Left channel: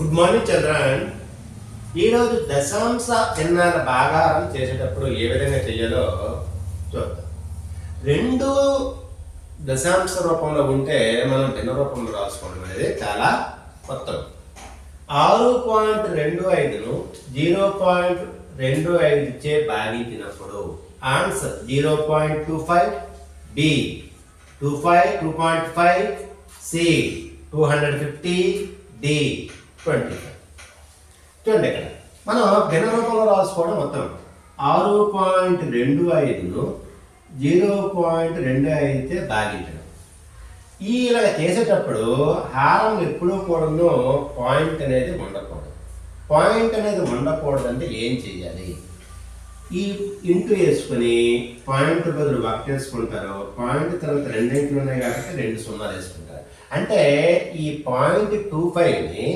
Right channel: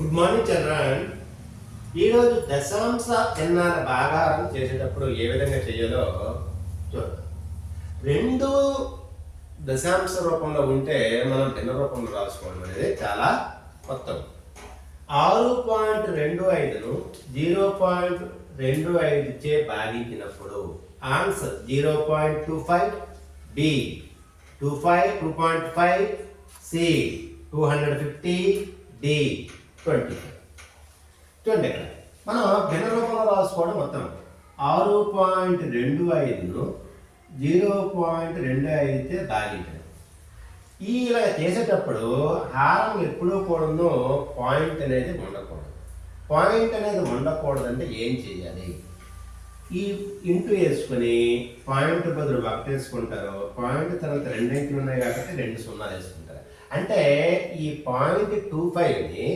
Good morning Chandran. ఈరోజు దశాంశ ఎన్నాల భాగారం చేసేటప్పుడు ఏ విధంగా చేయాలో చూద్దాం. రెండు దశాంశ రూపంలో ఉంటే మనం భిన్న రూపంలో రాసుకోవడం అనేది చాలా కొత్తది. 6.25ను 0.25 చే భాగించినప్పుడు ఆన్సర్ 0.25, బి 2.5, సి 250, డి 25. చూడండి, ఇక్కడ మనం భిన్న రూపంలో రాసుకోవడం మొత్తం 6.25ను 0.25 భాగించడం. ఇలా చేసేటప్పుడు హారం ఎప్పుడూ కూడాను పాయింట్ అనేది ఉండకూడదు. పాయింట్ అనేది ఉండకూడదంటే ఏం చేయాలి? ఈ ఇంటూ వేసుకుని పాయింట్ బదులు వర్క్ వేసుకుంటారు. పాయింట్ తర్వాత రెండు అంకెలు ఉన్నాయి కాబట్టి 2 సున్నాలు వేసుకుంటారు. అంటే ఈ 0.25ని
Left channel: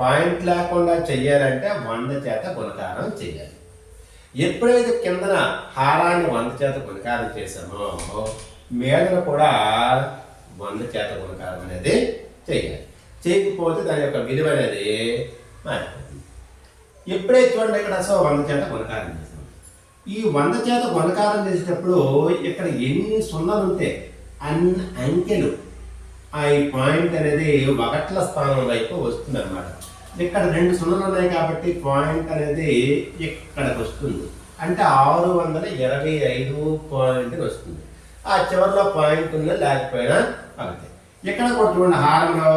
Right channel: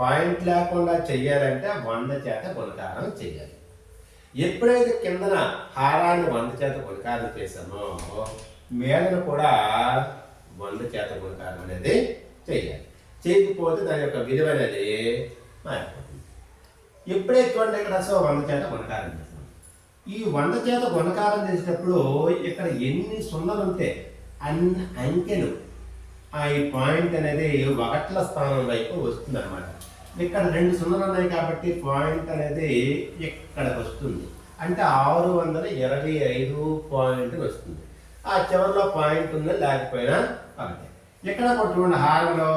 పాయింట్ లేకుండా చెయ్యాలంటే 100 చేత గుణకారం చేయాలి. ఎప్పుడైతే కిందన హారాన్ని 100 చేత గుణకారం చేసామో మీదన కూడా 100 చేత గుణకారం అనేది చేయాలి. చేయకపోతే దాని యొక్క విలువ అనేది మారిపోతుంది. ఎప్పుడైతే చూడండి, ఇక్కడ అసలు 100 చేత గుణకారం చేసాం. ఈ 100 చేత గుణకారం చేసేటప్పుడు ఇక్కడ ఎన్ని సున్నాలు ఉంటే అన్ని అంకెలు ఈ పాయింట్ అనేది 1ల స్థానం వైపు వస్తుంది అనమాట. ఇక్కడ 2 సున్నాలు ఉన్నాయి కాబట్టి పాయింట్ అనేది ఇక్కడికి వస్తుంది. అంటే 625 పాయింట్ వస్తుంది. ఆ చివరిలో పాయింట్ ఉన్న లేకపోయినా అవుతాయి. ఇక్కడ కొట్టుకున్న హారంలో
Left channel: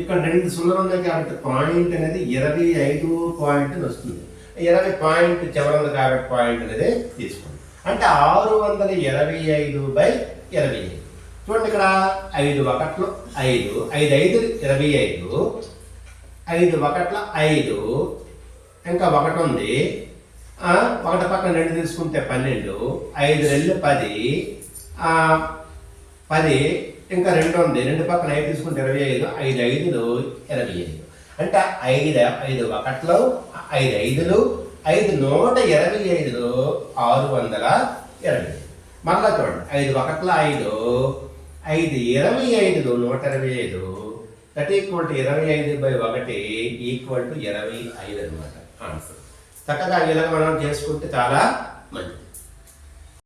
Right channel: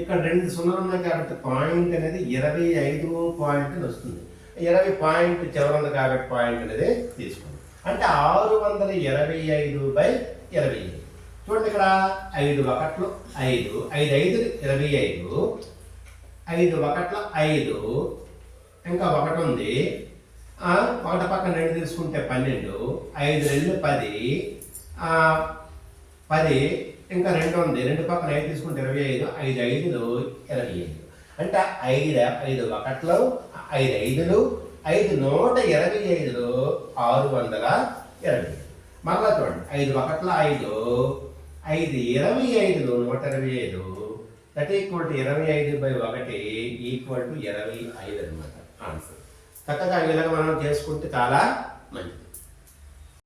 ఇక్కడ 2 సున్నాలు ఉన్నాయి కాబట్టి పాయింట్ అనేది 25 పాయింట్ వస్తుంది. 20 పాయింట్ చివరి ఉంది కాబట్టి పాయింట్ అనేది తీసుకోండి. అంటే 625/25. చూడండి, ఇక్కడ 5 1లు 5, 5 5లు 25, 5 1ల 5, ఇంకా 1 ఉంది. 1 పక్కన 2 తీసుకుంటే 12, 5 2 10, 10 ఇంకా 2 ఉంది. 2 పక్కన 5 తీసుకుంటే 25, 5 5లు 25. అంటే 5 1లు 5 5లు 5 125లు 625. మళ్ళా చూడండి, 5 1ల 5, 5 25లు 125, that equal to 25/1 equal to 25 అనమాట ఆన్సర్. చక్కగా ఇలాగ మనం చేసుకుంటే చాలా మంచిది.